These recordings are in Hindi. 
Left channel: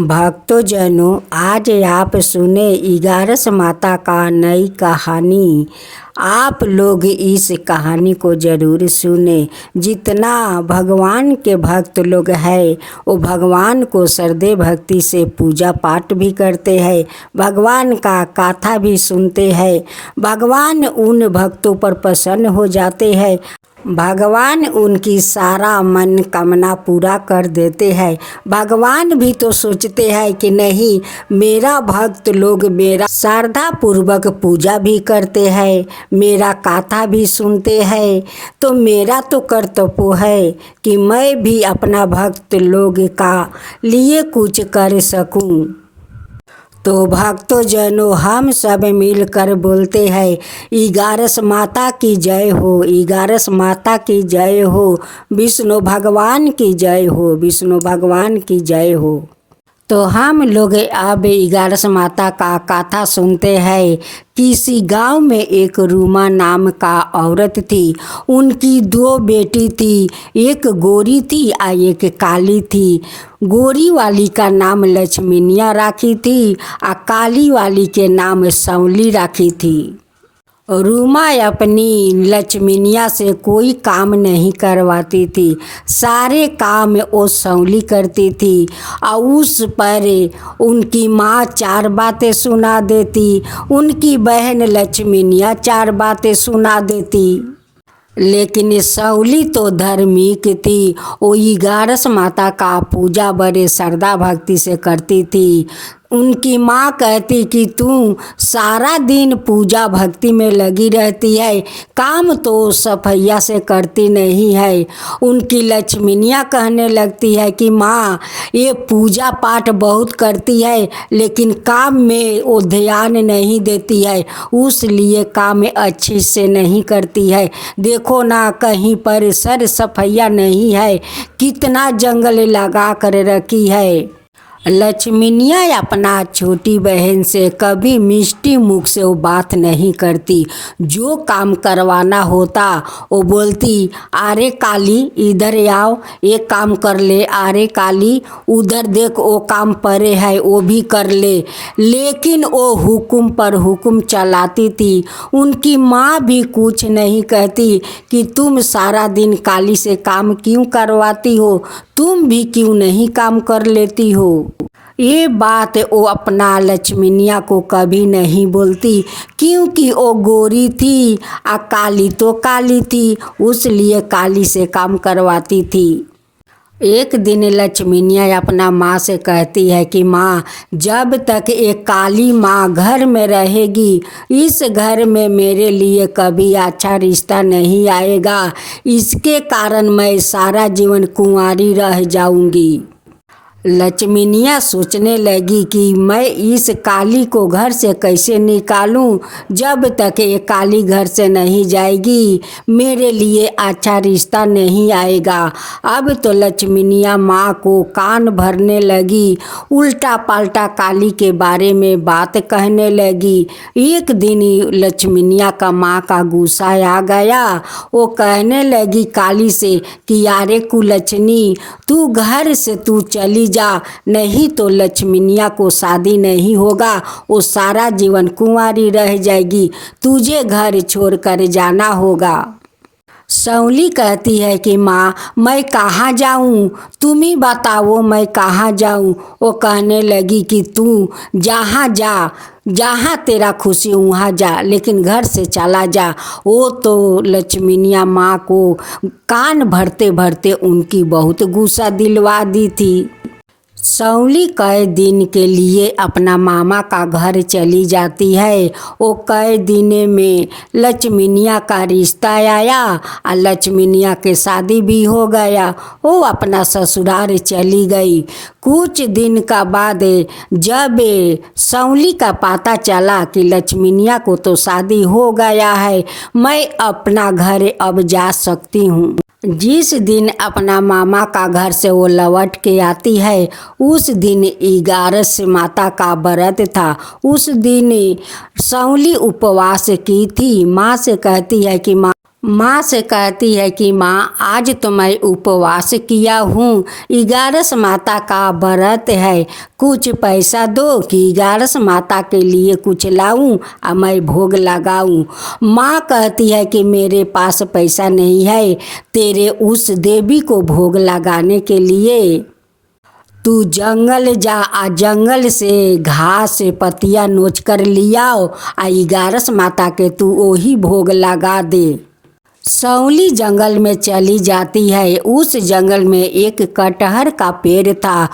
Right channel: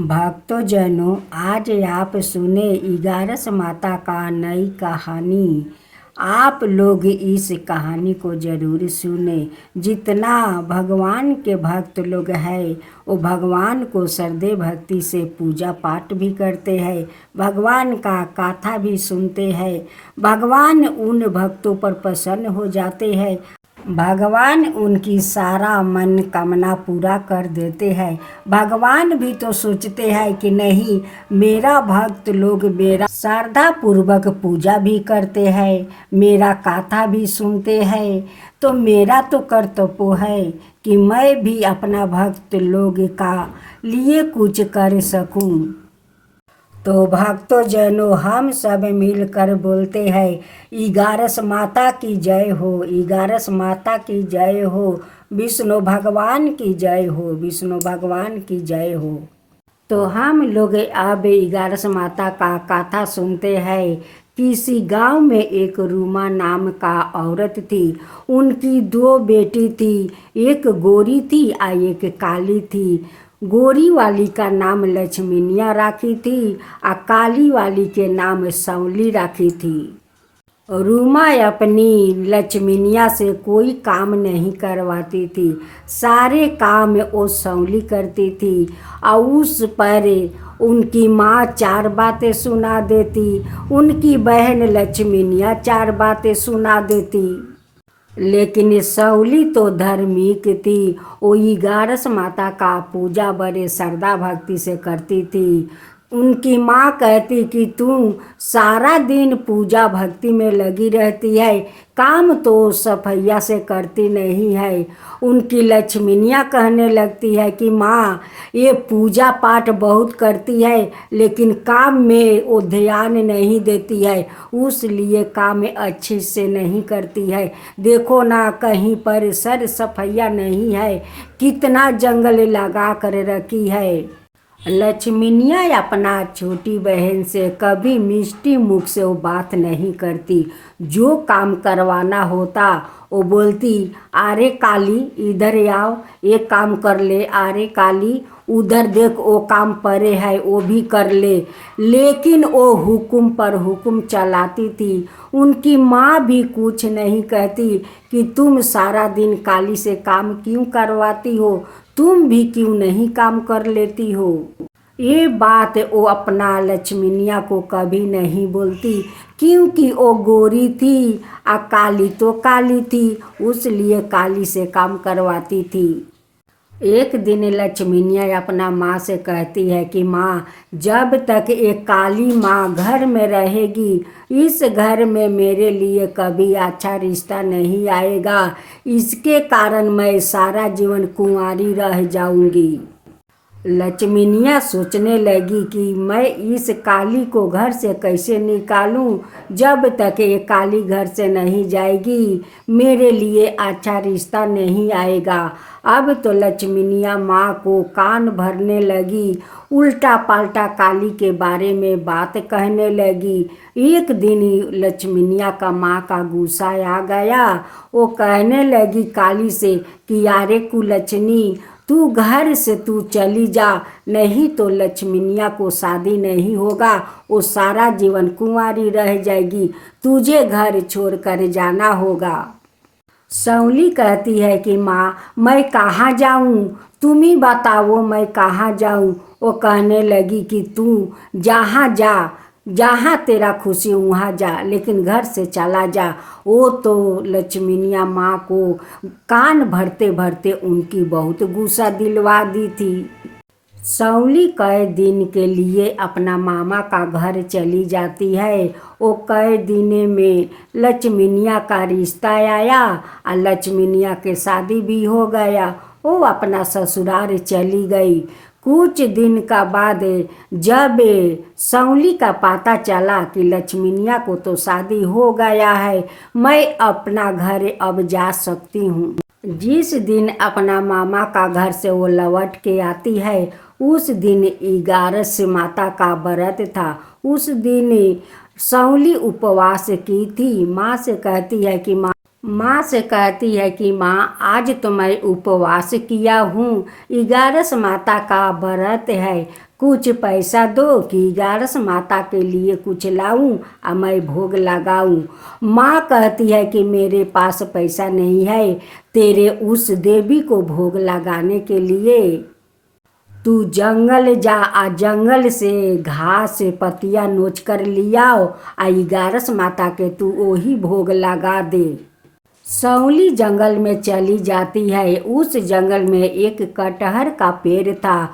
भक्तजनों, आज आप सुने 11 माता का नई कहानी। आप लोग इस कहानी को ज़रूर सुने। जितना भगवान के भक्त लोग हैं वो भगवान को श्रद्धे भक्ति से पूजा पाठ भी करते हैं, भगवान का कथा भी सुनते हैं। भगवान उन भक्तों पर प्रसन्न हो जाते हैं, भगवान उनकी सारा मन कामना पूरा कर देते हैं। भगवान भी तो सोचते हैं कि नहीं, मेरा भक्त लोग मेरा श्रद्धा पूर्वक पूजा भी करते हैं, मेरा कथा भी सुनते हैं, तो मेरा तो कर्तव्य है कि मैं भी अपना भक्त लोग का लिए कुछ कर सकूं। तो भक्तजनों, हम सब मिलकर बोलते हैं 11 माता की जय हो, 11 माता की जय हो, विष्णु भगवान की जय हो, विष्णु भगवान की जय हो। तो हम लोग अब 11 माता का कथा सुनते हैं। किसी गांव में एक रूमा नाम का औरत थी। उनकी 2 बेटी थी, एक गोरी थी और एक काली थी। गोरी वाली का नाम लक्ष्मीनिया राखी थी और काली वाली के नाम सौली राखी थी। रूमा अपनी लक्ष्मीनिया से कोई काम नहीं करवाती थी, सारे काम वो सौली करती थी और उस पर उनकी माँ 4 बातें सुना देती, उनकी बहन लक्ष्मीनिया 4 बातें सुना देती। लेकिन सौली तो धार्मिक थी, वो 11 माता का पूजा बड़े श्रद्धा भक्ति से करती थी। उनकी माँ कहती कि तू सारा दिन पूजा भक्ति में लगी रहती है, काम तो सफैया से करती नहीं है। उनकी लक्ष्मीनिया कहने लगती है कि माँ, ये पूजा पाठ बहुत करती है लेकिन काम में वो ध्यान नहीं देती है, उसलिए काम अच्छे से नहीं करती है। देखो ना, कहीं पर सर सफैया नहीं है, कितना जंगल लगा कर रखी है। लक्ष्मीनिया अपना छोटी बहन से कभी मिष्टी मुख से वो बात नहीं करती। जो काम करवाना होता वो बोलती, अरे काली इधर आओ, एक काम कर ले, अरे काली उधर देख, वो काम पड़े है वो भी कर ले। लेकिन वो हुक्म पर हुक्म चलाती थी। उनकी माँ भी कुछ नहीं कहती कि तुम सारा दिन काली से काम क्यों करवाती हो, तुम भी क्यों नहीं काम कर लेती हो। ये बात वो अपना लक्ष्मीनिया को कभी नहीं बोलती, क्योंकि वो गोरी थी और काली तो काली थी, उसलिए काली से काम करवाती थी। एक दिन लक्ष्मीनिया अपना माँ से कहती है कि माँ, जब तक एक काली माँ घर में रहेगी, इस घर में मेरे लिए कभी अच्छा रिश्ता नहीं आएगा। इसके कारण मैं सारा जीवन कुंवारी रह जाऊंगी। लक्ष्मीनिया सोचने लगी कि मैं इस काली को घर से कैसे निकालूं। जब तक ये काली घर से नहीं जाएगी, मेरे लिए अच्छा रिश्ता नहीं आएगा। अब तो लक्ष्मीनिया माँ को कान भरने लगी, उल्टा पाल्टा काली के बारे में बात कहने लगी। एक दिन लक्ष्मीनिया का माँ का गुस्सा आ गया। वो कहने लगी काली से कि यारे कुलच्छनी, तू घर से तू चली जा, नहीं तो लक्ष्मीनिया को शादी नहीं होगा, वो सारा जीवन कुंवारी रह जाएगी, तुझे घर छोड़कर जाना होगा। सौली कहती है कि माँ, मैं कहाँ जाऊँ, तुम ही बताओ मैं कहाँ जाऊँ। वो कहने लगी कि तू जहाँ जा, जहाँ तेरा खुशी वहाँ जा, लेकिन घर से चला जा। वो तो लक्ष्मीनिया माँ को कान भरते भरते उनकी बहुत गुस्सा दिलवा दी थी। सौली कई दिन के लिए अपना मामा का घर चली जाती है। वो कई दिन में लक्ष्मीनिया का रिश्ता आया और लक्ष्मीनिया के शादी भी हो गया। वो अपना ससुराल चली गई। कुछ दिन का बाद जब सौली का पता चला कि लक्ष्मीनिया को तो शादी हो गया है, मैं अपना घर अब जा सकती हूँ। जिस दिन अपना मामा का घर से वो लौट के आती है, उस दिन 11 माता का व्रत था। उस दिन सौली उपवास की थी। माँ से कहती है कि माँ, माँ से कहती है कि माँ आज तो मैं उपवास किया हूँ, 11 माता का व्रत है, कुछ पैसा दो कि 11 माता के लिए कुछ लाऊं और मैं भोग लगाऊं। माँ कहती है कि मेरे पास पैसा नहीं है तेरे उस देवी को भोग लगाने के लिए। तू जंगल जा आ जंगल से घास से पत्तियाँ नोच कर लियाओ आ 11 माता के तू वही भोग लगा दे। सौली जंगल में चली जाती है। उस जंगल में एक कटहर का पेड़ था।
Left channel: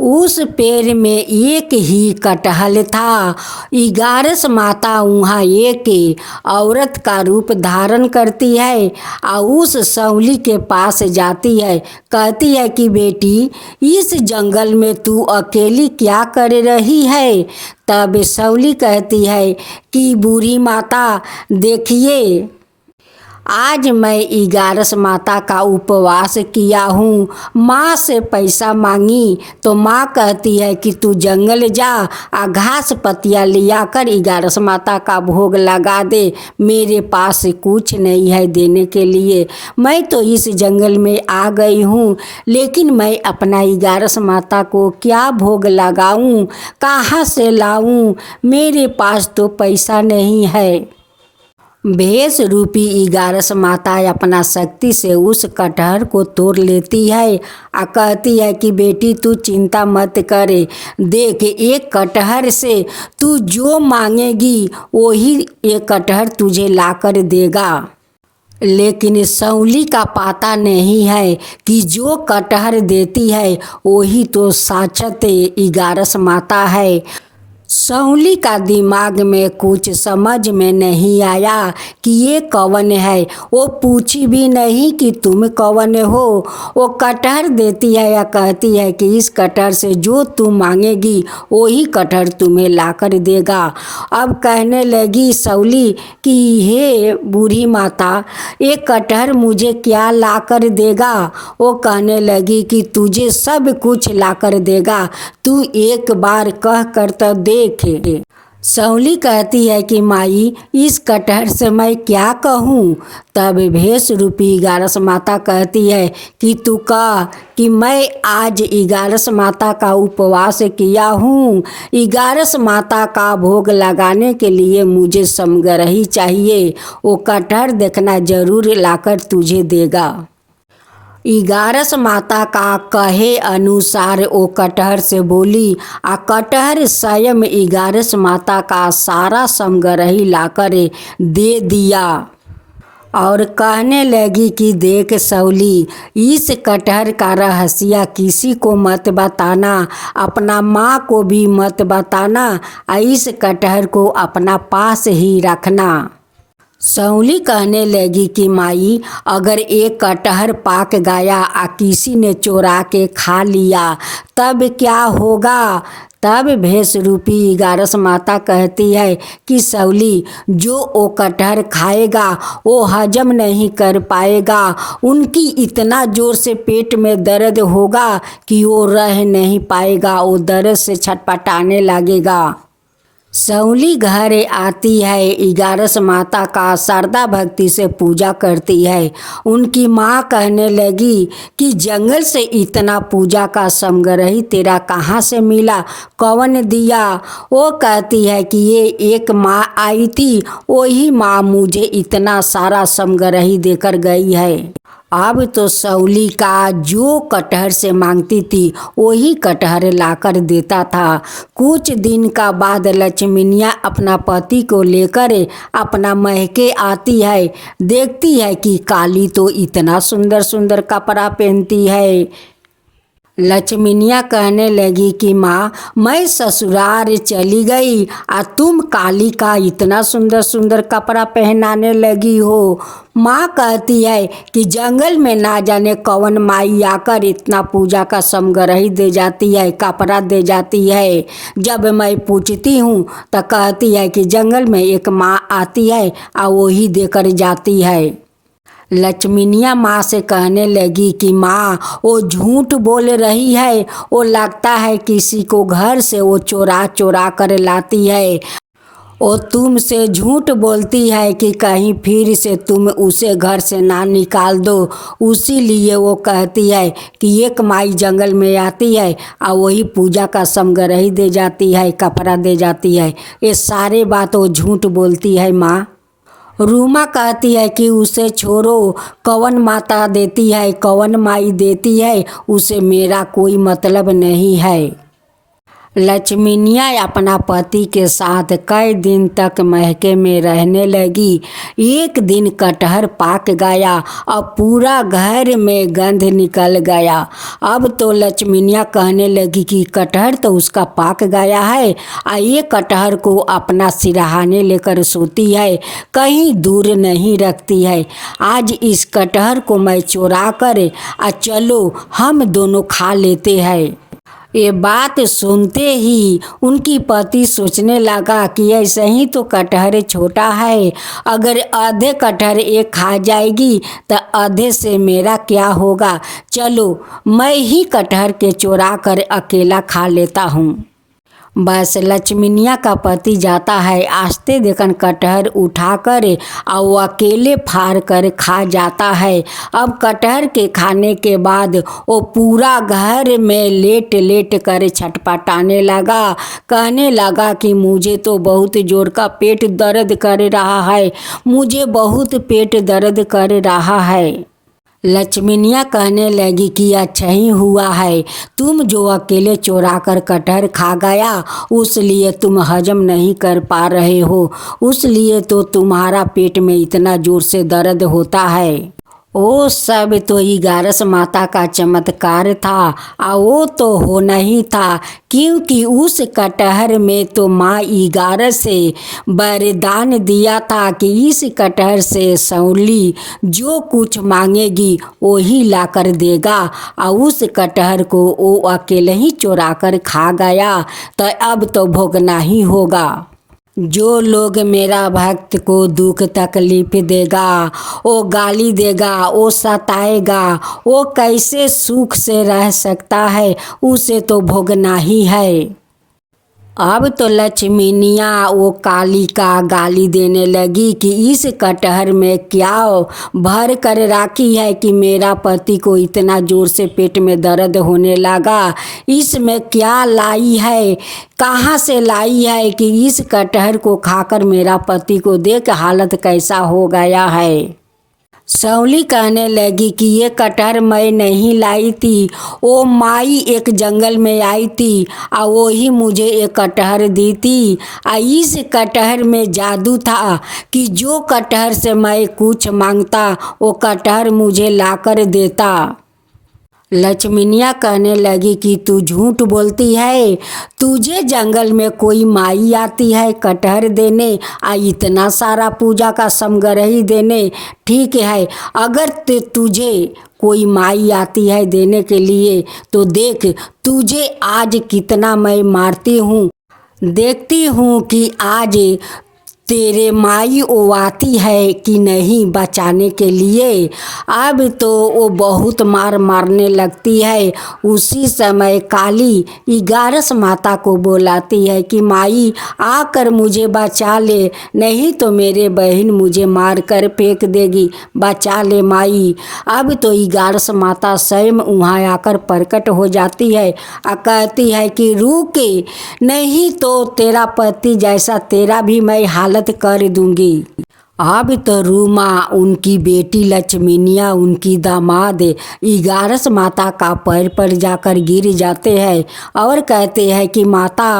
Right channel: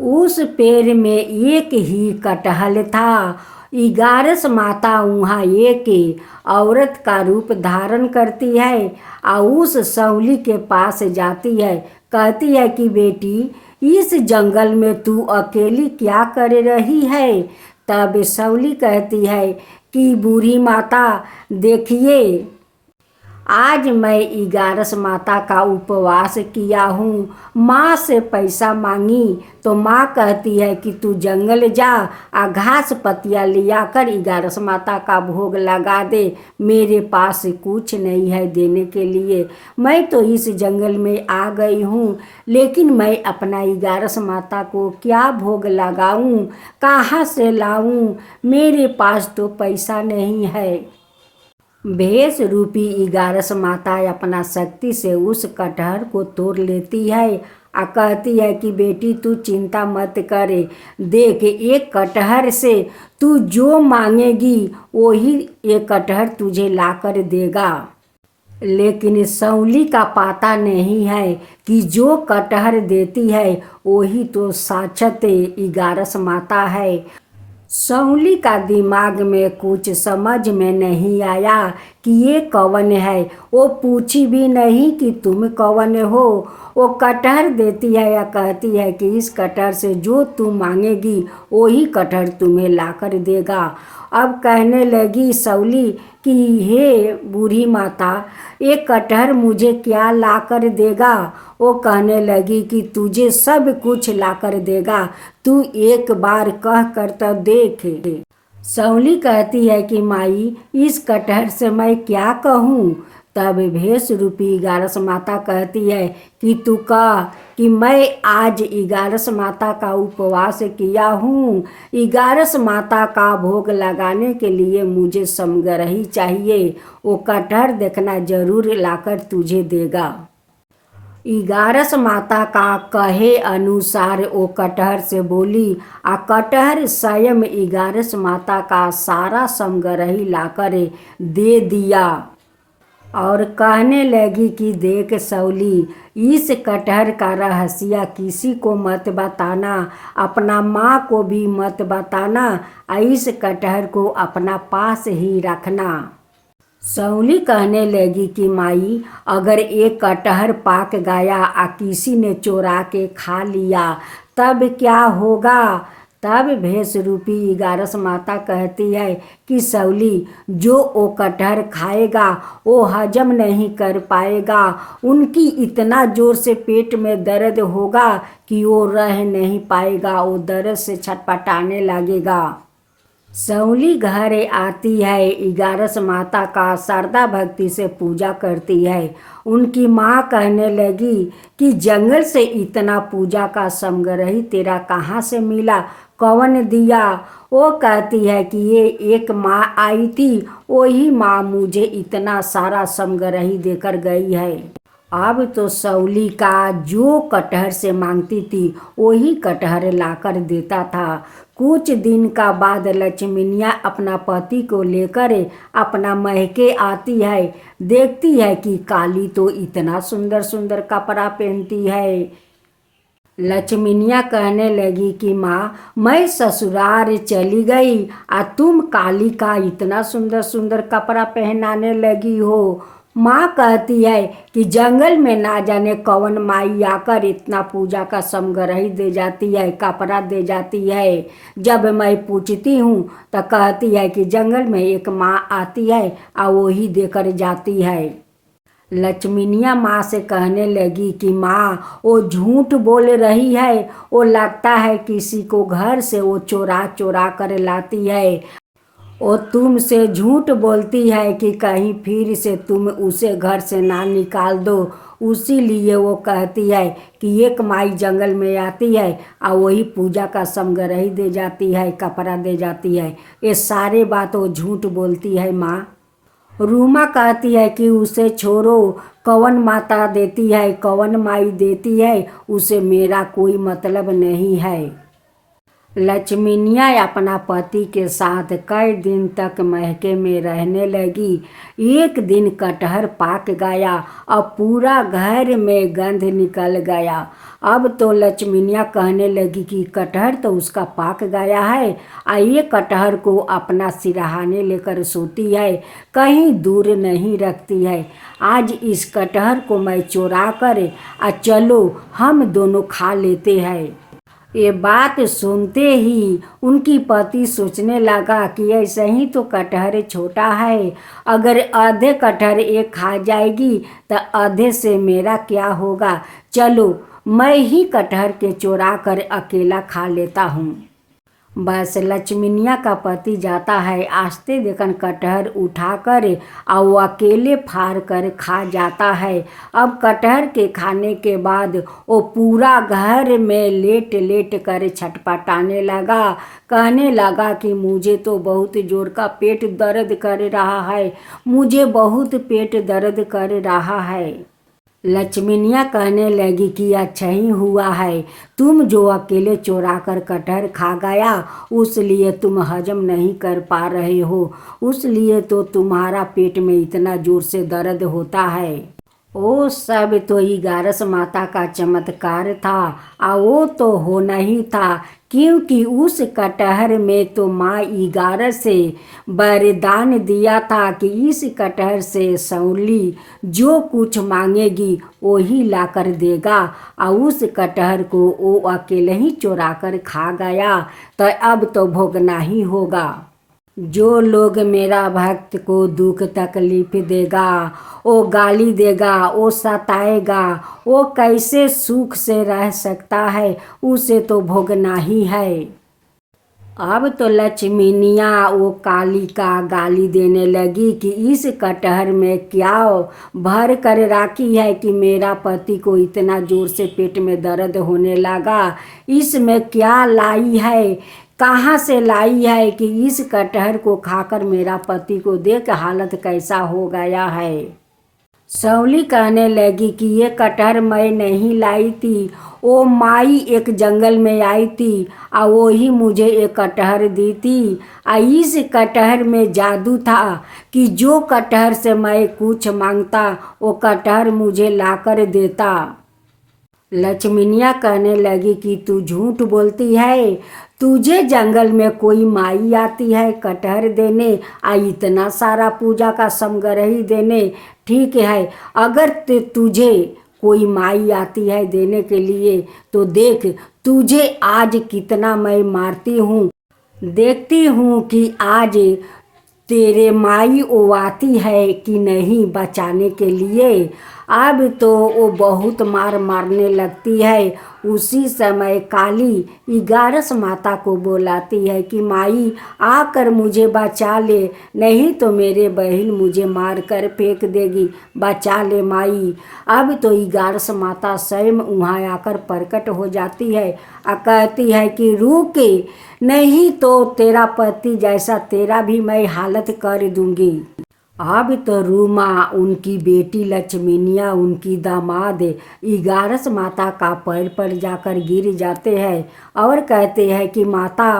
उस पेड़ में एक ही कटहल था। 11 माता वहाँ एक औरत का रूप धारण करती है और उस सौली के पास जाती है। कहती है कि बेटी इस जंगल में तू अकेली क्या कर रही है। तब सौली कहती है कि बूढ़ी माता देखिए, आज मैं 11 माता का उपवास किया हूँ। माँ से पैसा मांगी तो माँ कहती है कि तू जंगल जा आ घास पत्तियाँ लिया कर 11 माता का भोग लगा दे। मेरे पास कुछ नहीं है देने के लिए। मैं तो इस जंगल में आ गई हूँ, लेकिन मैं अपना 11 माता को क्या भोग लगाऊँ, कहाँ से लाऊँ। मेरे पास तो पैसा नहीं है। भेष रूपी 11 माता अपना शक्ति से उस कटहर को तोड़ लेती है और कहती है कि बेटी तू चिंता मत करे, देख एक कटहर से तू जो मांगेगी वही एक कटहर तुझे लाकर देगा। लेकिन सौली का पता नहीं है कि जो कटहर देती है वही तो साक्षात 11 माता है। सौली का दिमाग में कुछ समझ में नहीं आया कि ये कौन है। वो पूछी भी नहीं कि तुम कौन हो। वो कटहर देती है या कहती है कि इस कटहर से जो तुम मांगेगी वही कटहर तुम्हें लाकर देगा। अब कहने लगी सौली कि हे बूढ़ी माता, ये कटहर मुझे क्या लाकर देगा। वो कहने लगी कि तुझे सब कुछ लाकर देगा, तू एक बार कह कर तो देख। सौली कहती है कि माई इस कटहर से मैं क्या कहूँ। तब भेष रूपी 11 माता कहती है कि तू कह कि मैं आज 11 माता का उपवास किया हूँ, 11 माता का भोग लगाने के लिए मुझे समग्रही चाहिए, वो कटहर देखना जरूर लाकर तुझे देगा। 11 माता का कहे अनुसार वो कटहर से बोली आ कटहर स्वयं 11 माता का सारा समग्रही लाकर दे दिया और कहने लगी कि देख सौली, इस कटहर का रहस्य किसी को मत बताना, अपना माँ को भी मत बताना, इस कटहर को अपना पास ही रखना। सौली कहने लगी कि माई अगर एक कटहर पाक गया आ किसी ने चोरा के खा लिया तब क्या होगा। तब भेष रूपी 11 माता कहती है कि सौली जो वो कटहर खाएगा वो हजम नहीं कर पाएगा, उनकी इतना जोर से पेट में दर्द होगा कि वो रह नहीं पाएगा, वो दर्द से छटपटाने लगेगा। सौली घर आती है, 11 माता का श्रद्धा भक्ति से पूजा करती है। उनकी माँ कहने लगी कि जंगल से इतना पूजा का समग्रही तेरा कहाँ से मिला, कौन दिया। वो कहती है कि ये एक माँ आई थी, वही माँ मुझे इतना सारा समग्रही देकर गई है। अब तो सौली का जो कटहर से मांगती थी वही कटहर लाकर देता था। कुछ दिन का बाद लक्ष्मीनिया अपना पति को लेकर अपना महके आती है। देखती है कि काली तो इतना सुंदर सुंदर कपड़ा पहनती है। लक्ष्मीनिया कहने लगी कि माँ मैं ससुराल चली गई आ तुम काली का इतना सुंदर सुंदर कपड़ा पहनाने लगी हो। माँ कहती है कि जंगल में ना जाने कौन माई आकर इतना पूजा का समग्रही दे जाती है, कपड़ा दे जाती है। जब मैं पूछती हूँ तो कहती है कि जंगल में एक माँ आती है आ वही देकर जाती है। लक्ष्मीनिया माँ से कहने लगी कि माँ वो झूठ बोल रही है, वो लगता है किसी को घर से वो चोरा चोरा कर लाती है। वो तुमसे झूठ बोलती है कि कहीं फिर से तुम उसे घर से ना निकाल दो। उसीलिए वो कहती है कि एक माई जंगल में आती है और वही पूजा का समग्रही दे जाती है, कपड़ा दे जाती है। ये सारे बात वो झूठ बोलती है माँ। रूमा कहती है कि उसे छोड़ो, कौन माता देती है, कौन माई देती है, उसे मेरा कोई मतलब नहीं है। लक्ष्मीनिया अपना पति के साथ कई दिन तक महके में रहने लगी। एक दिन कटहर पाक गया और पूरा घर में गंध निकल गया। अब तो लक्ष्मीनिया कहने लगी कि कटहर तो उसका पाक गया है, ये कटहर को अपना सिरहाने लेकर सोती है, कहीं दूर नहीं रखती है। आज इस कटहर को मैं चुरा कर चलो हम दोनों खा लेते हैं। ये बात सुनते ही उनकी पति सोचने लगा कि ऐसे ही तो कटहर छोटा है, अगर आधे कटहर एक खा जाएगी तो आधे से मेरा क्या होगा। चलो मैं ही कटहर के चुरा कर अकेला खा लेता हूँ। बस लक्ष्मीनिया का पति जाता है, आस्ते देखन कटहर उठाकर और वो अकेले फाड़ कर खा जाता है। अब कटहर के खाने के बाद वो पूरा घर में लेट लेट कर छटपटाने लगा, कहने लगा कि मुझे तो बहुत जोर का पेट दर्द कर रहा है, मुझे बहुत पेट दर्द कर रहा है। लक्ष्मीनिया कहने लगी कि अच्छा ही हुआ है, तुम जो अकेले चुरा कर कटहर खा गया उसलिए तुम हजम नहीं कर पा रहे हो, उसलिए तो तुम्हारा पेट में इतना जोर से दर्द होता है। वो सब तो इगारस माता का चमत्कार था, और वो तो होना ही था, क्योंकि उस कटहर में तो माँ इगारस से वरदान दिया था कि इस कटहर से सौली जो कुछ मांगेगी वही ला कर देगा। और उस कटहर को वो अकेले ही चुरा कर खा गया, तो अब तो भोगना ही होगा। जो लोग मेरा भक्त को दुख तकलीफ देगा, वो गाली देगा, वो सताएगा, वो कैसे सुख से रह सकता है, उसे तो भोगना ही है। अब तो लक्ष्मीनिया वो काली का गाली देने लगी कि इस कटहर में क्या भर कर राखी है कि मेरा पति को इतना जोर से पेट में दर्द होने लगा, इसमें क्या लाई है, कहाँ से लाई है कि इस कटहर को खाकर मेरा पति को देख हालत कैसा हो गया है। सौली कहने लगी कि ये कटहर मैं नहीं लाई थी, वो माई एक जंगल में आई थी और वो ही मुझे एक कटहर दी थी। इस कटहर में जादू था कि जो कटहर से मैं कुछ मांगता वो कटहर मुझे लाकर देता। लक्ष्मीनिया कहने लगी कि तू झूठ बोलती है, तुझे जंगल में कोई माई आती है कटहर देने, इतना सारा पूजा का समग्रही देने। ठीक है, अगर तुझे कोई माई आती है देने के लिए तो देख तुझे आज कितना मैं मारती हूँ, देखती हूँ कि आज तेरे माई वो आती है कि नहीं बचाने के लिए। अब तो वो बहुत मारने लगती है। उसी समय काली इगारस माता को बुलाती है कि माई आकर मुझे बचा ले, नहीं तो मेरे बहन मुझे मार कर फेंक देगी, बचा ले माई। अब तो इगारस माता स्वयं वहाँ आकर प्रकट हो जाती है और कहती है कि रुके, नहीं तो तेरा पति जैसा तेरा भी मैं हालत कर दूंगी। अब तो रूमा, उनकी बेटी लक्ष्मीनिया, उनकी दामाद इगारस माता का पैर पर जाकर गिर जाते हैं और कहते हैं कि माता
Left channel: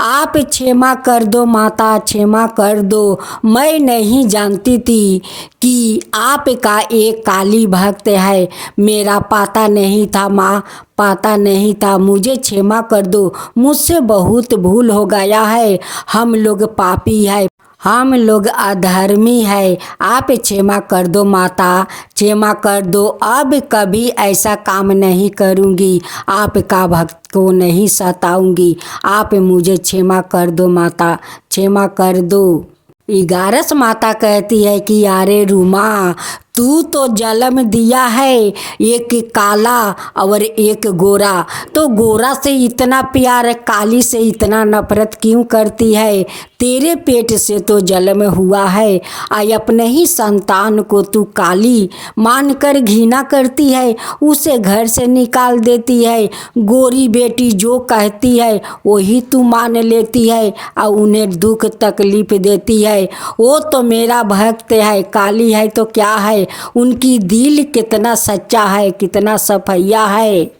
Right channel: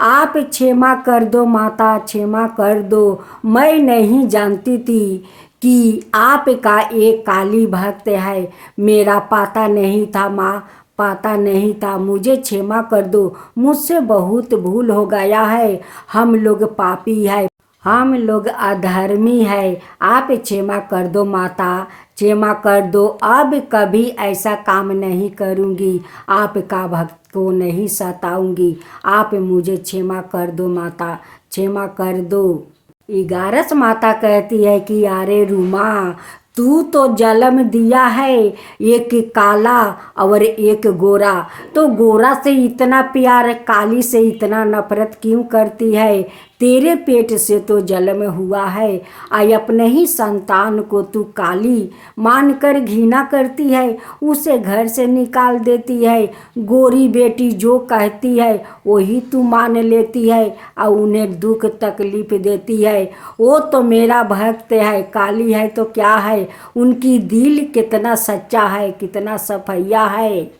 आप क्षमा कर दो, माता क्षमा कर दो, मैं नहीं जानती थी कि आपका एक काली भक्त है, मेरा पता नहीं था माँ, पता नहीं था, मुझे क्षमा कर दो, मुझसे बहुत भूल हो गया है, हम लोग पापी है, हम लोग अधर्मी है, आप क्षमा कर दो माता, क्षमा कर दो, अब कभी ऐसा काम नहीं करूँगी, आपका भक्त को नहीं सताऊँगी, आप मुझे क्षमा कर दो माता, क्षमा कर दो। इगारस माता कहती है कि अरे रूमा, तू तो जन्म दिया है एक काला और एक गोरा, तो गोरा से इतना प्यार, काली से इतना नफरत क्यों करती है? तेरे पेट से तो जन्म हुआ है, आई अपने ही संतान को तू काली मानकर घृणा करती है, उसे घर से निकाल देती है। गोरी बेटी जो कहती है वही तू मान लेती है और उन्हें दुख तकलीफ देती है। वो तो मेरा भक्त है, काली है तो क्या है, उनकी दिल कितना सच्चा है, कितना सफैया है।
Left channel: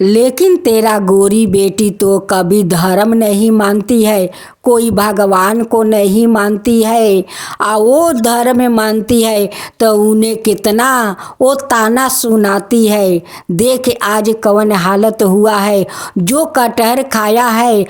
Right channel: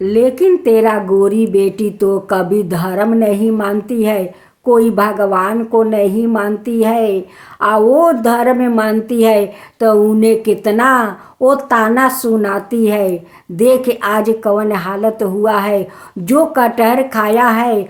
लेकिन तेरा गोरी बेटी तो कभी धर्म नहीं मानती है, कोई भगवान को नहीं मानती है। वो धर्म मानती है तो उन्हें कितना वो ताना सुनाती है। देख आज कौन हालत हुआ है, जो कटहर खाया है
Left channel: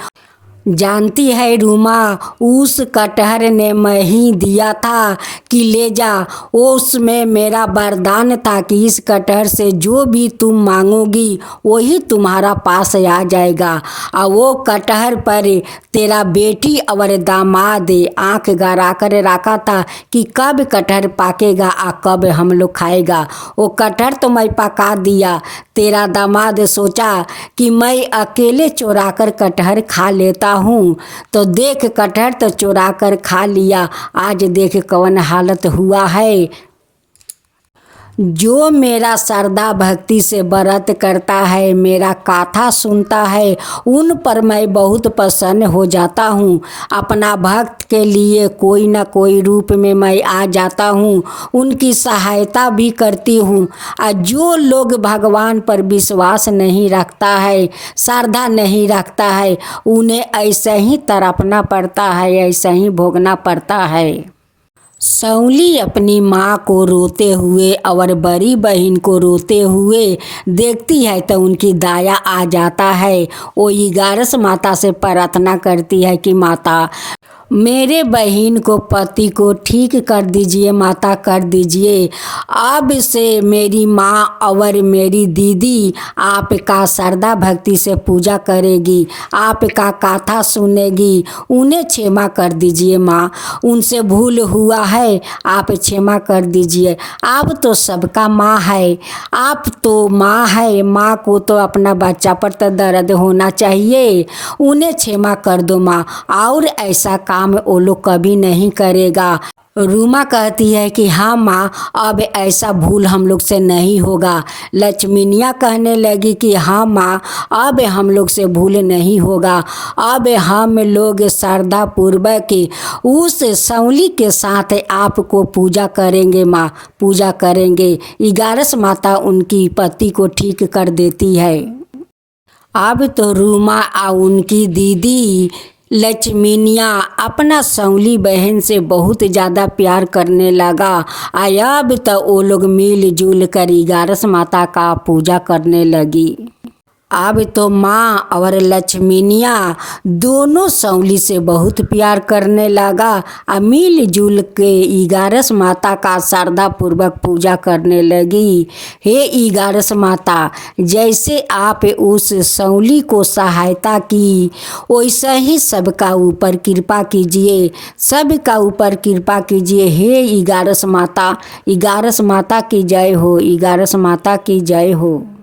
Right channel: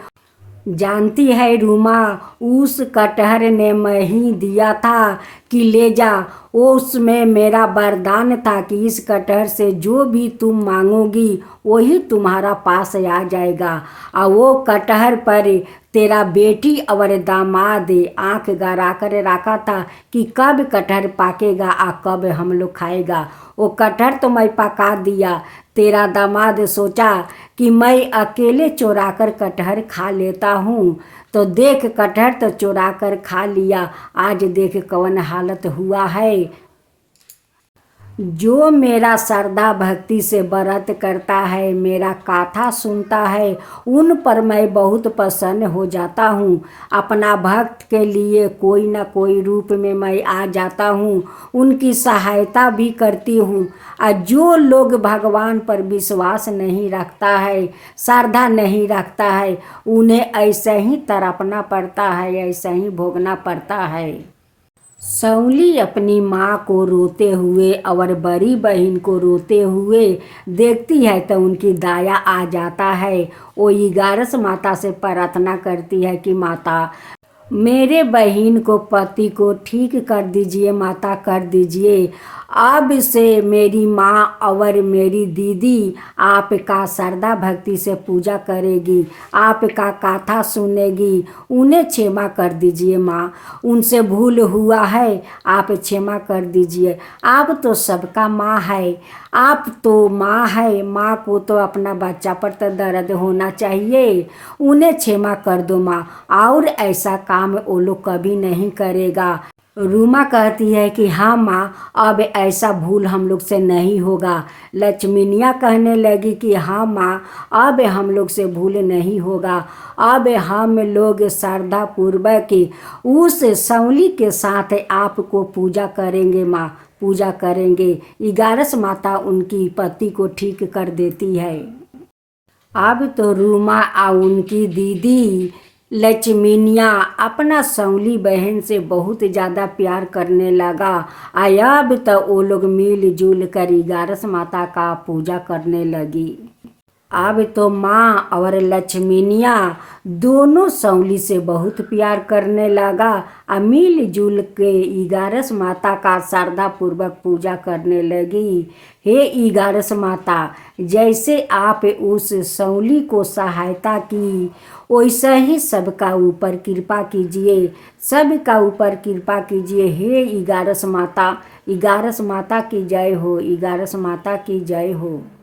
जानती है रूमा, उस कटहर ने मैं ही दिया था कि ले जा। उसमें मेरा वरदान था कि इस कटहर से जो भी तुम मांगोगी वही तुम्हारा पास आ जाएगा। और वो कटहर पर तेरा बेटी और दामाद आंख गड़ा कर रखा था कि कब कटहर पाकेगा और कब हम लोग खाएगा। वो कटहर तो मैं पका दिया। तेरा दामाद सोचा कि मैं अकेले चुरा कर कटहर खा लेता हूँ, तो देख कटहर तो चुरा कर खा लिया। आज देख कौन हालत हुआ है। जो मेरा श्रद्धा भक्ति से व्रत करता है, मेरा गाथा सुनता है, उन पर मैं बहुत प्रसन्न हो जाता हूँ। अपना भक्त के लिए कोई ना कोई रूप में मैं आ जाता हूँ, उनकी सहायता भी करती हूँ। और जो लोग भगवान पर विश्वास नहीं रखता है, श्रद्धा नहीं रखता है, उन्हें ऐसे ही तड़पना पड़ता है, ऐसे ही भोगना पड़ता है। सौली अपनी माँ को रोते हुए और बड़ी बहन को रोते हुए देखती है तो उनकी दया आ जाता है। वो ग्यारस माता से प्रार्थना करती है कि माता मेरे बहन को पति को ठीक कर दीजिए, माता कर दीजिए। अब से मेरी माँ और मेरी दीदी आपका श्रद्धा भक्ति से पूजा करेगी, आपका गाथा सुनेगी। उन्हें क्षमा कर दीजिए माँ, उनसे भूल हुआ है, आप क्षमा कर दीजिए। आप तो सबका माँ है, आप तो माँ है, माँ को तो अपना बच्चा पर तो दर्द होना चाहिए। उन्हें क्षमा कर दो माँ, और ऐसा काम वो लोग कभी नहीं करेगा। रूमा कहती है कि हाँ माँ, अब ऐसा भूल हम लोग से नहीं होगा। लक्ष्मीनिया कहने लगी कि हाँ माँ, अब हम लोग से भूल नहीं होगा। अब हम लोग श्रद्धा पूर्वक उस सौली के साथ आपको पूजा करेंगे माँ, पूजा करेंगे। ग्यारस माता उनकी पति को ठीक कर देती है। अब तो रूमा और उनकी दीदी लक्ष्मीनिया अपना सौली बहन से बहुत ज़्यादा प्यार करने लगा। अब तो वो लोग मिलजुल कर ग्यारस माता का पूजा करने लगी। अब तो माँ और लक्ष्मीनिया दोनों सौली से बहुत प्यार करने लगा। मिलजुल के ग्यारस माता का श्रद्धा पूर्वक पूजा करने लगी। हे ग्यारस माता, जैसे आप उस सौली को सहायता की वैसे ही सबका ऊपर कृपा कीजिए, सबका ऊपर कृपा कीजिए। हे ग्यारस माता की जय हो, ग्यारस माता की जय हो।